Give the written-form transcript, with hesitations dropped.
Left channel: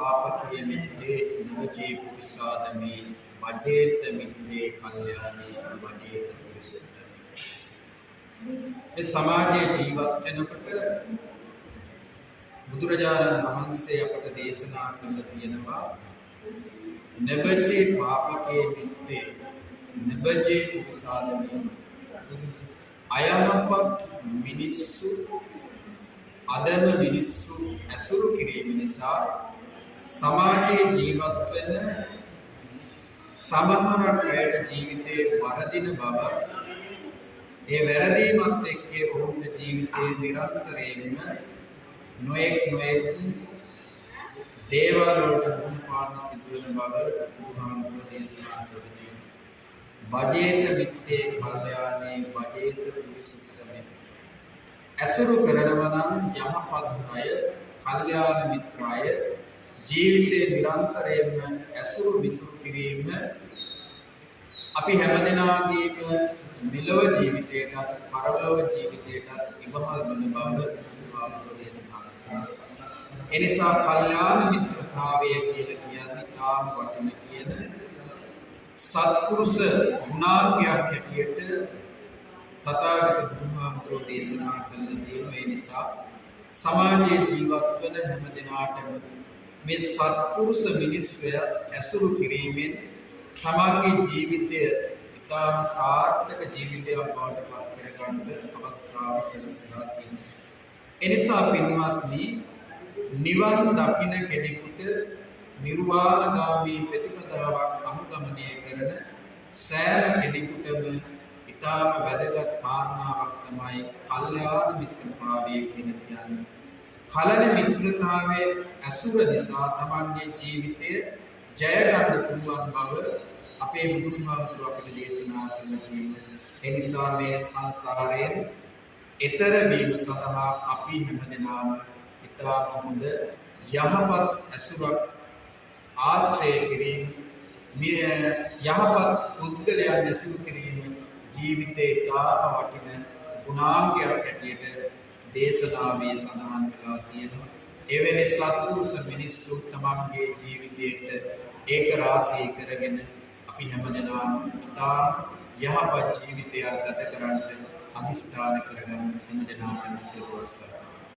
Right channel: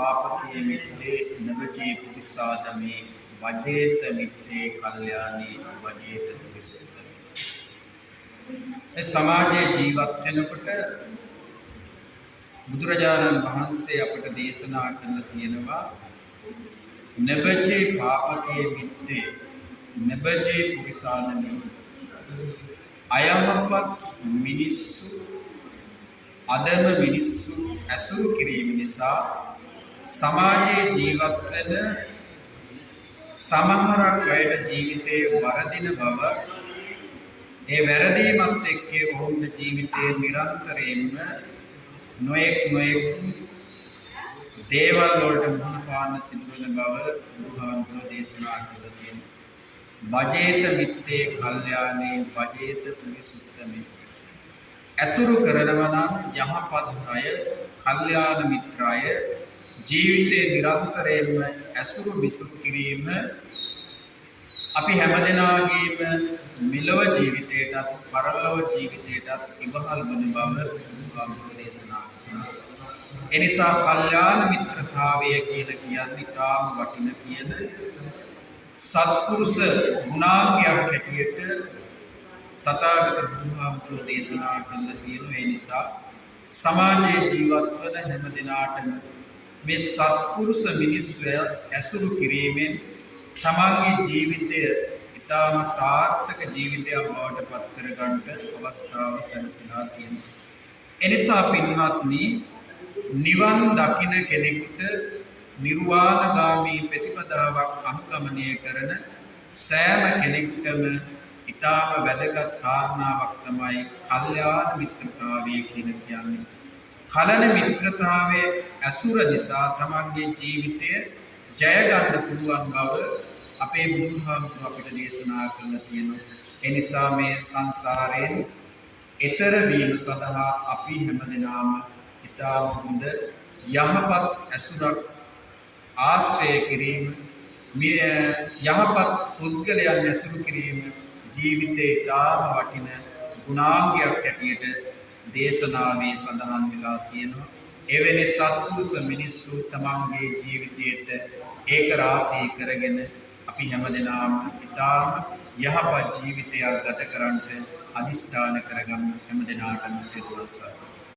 पापके मित्ते नवचे पुरुषादमे वजेत मित्ते कल्याणी वजेत पुरुषोत्तमे समाजे जीවත් වෙනකොට බුදුරජාණන් වහන්සේ අපට දේශනා කරලා තියෙනවා නබජේ පාපකේ මිත්තේ නබජේ පුරිසාදමි අයහපත් මිනිස්සු අදම මිනිස්සු ඇසුරු කිරීම නිසා සමාජයේ ජීවත් වෙන සමහරක් අයට ජීවිතයේ වරදින බව ඒ වැරදීමත් එක්ක ඔවුන්ගේ ජීවිතයේ නිරන්තරයෙන්ම නොයෙක් දේවල් වලට මුහුණ පාන්න සිදුවන බව බුදුහාමුදුරුවෝ දේශනා කරලා තියෙනවා. වජේත මිත්තේ කල්යාණේ වජේත පුරිසුත්තමේ ඇසුරු කරනවා නම් යහපත් අය කල්යාණ මිත්‍රාය ජීවිතේ නිරන්තරයෙන්ම ඇසුරු විසුරු කිරීම අපි හැමදෙනාගේම මෙලොව ජීවිතයටත් පරලොව ජීවිතයටත් ඉවහල් වන බව බුදුහාමුදුරුවෝ දේශනා කරනවා. එනිසා කල්යාණ මිත්‍රතාවය කියලා කියන්නේ තාම වටින කියන සත්පුරුෂ ගුණාංගයක් හැටියට තථාගත බුදුහාමුදුරුවෝ දේශනා කරලා තියෙනවා. ඒ නිසා සමාජයේ ජීවත් වන හැම දිනාටම මේ සත්පුරුෂ මිනිස්සු ඇසුරු කිරීමෙන් තමන්ගේ ජීවිතය ඉතාම සාර්ථක ජීවිතයක් බවට පත් කරගන්න අවස්ථාව සැලසලා තියෙනවා. එනිසා පින්වත්නි නිවන් දකින කෙනෙකුට නිර්වාණගාමී ප්‍රතිපදාවක් අනුගමනය කරන සෑම කෙනෙකුටම ඉතාම වැදගත් කාරණාවක් තමයි කල්යාණ මිත්‍රතාවය කියන්නේ. කලන මිත්‍රතාවයේ ඇසුර නිසා තමන්ගේ ජීවිතය ජය ගන්න පුළුවන් බව අපේ බුදුහාමුදුරුවෝ අපිට දේශනා කරලා තියෙනවා. ඒ නිසා මේ සංසාරයෙන් එතර වීම සඳහා අපි හැමදෙනාම ඉතාම හොඳ යහපත් ඇසුරක් ආශ්‍රය කිරීම යහපත් පුද්ගලයන් ඇසුරු කිරීම ජීවිතේ ඉතාම වටින ගුණාංගයක් හැටියට දේශනාවේ සඳහන් වෙලා තියෙනවා. එවැනි සත්පුරුෂ මිනිස්සු තමන්ගේ ජීවිතයට ඒක රාශී කරගෙන අපි හැමදෙනාම ඉතාම යහපත් ජීවිතයක් ගත කරන්නට අදිෂ්ඨාන කරගන්න හැමදෙනාටම තෙරුවන් සරණයි.